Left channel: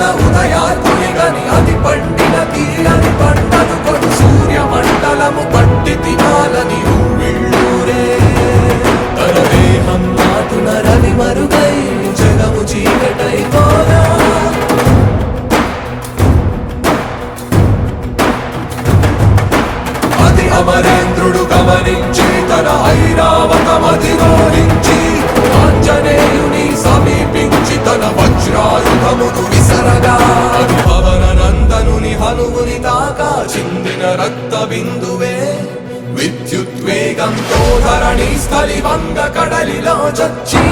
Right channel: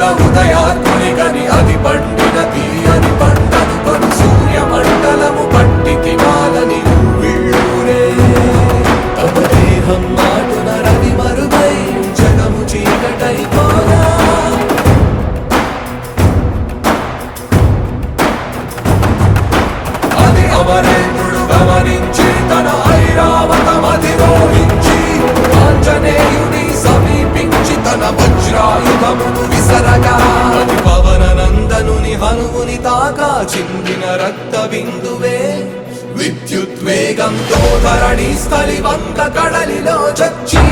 యోధుల ఉదయాత్ముని గని అది పండిన తీరని పంటను కొడు సూర్య మండలము పట్టి తినాలని ఉవ్విళ్ళూరే తన దేహం నాటున రవి మరుగై జగము చీకటై పోరా అది అమరేంద్రుడు గమనించి తన ఐరావతమధిరోహించి ఆంజనేయుని సమీపించి తన వజ్రాయుధమును విసరగా అది పవన నందనుని హనుముని తాకా చిందిన రక్త బిందువే విద్యుద్వేగంతో ధరణి స్థలి వంగ కడలిలో చచ్చి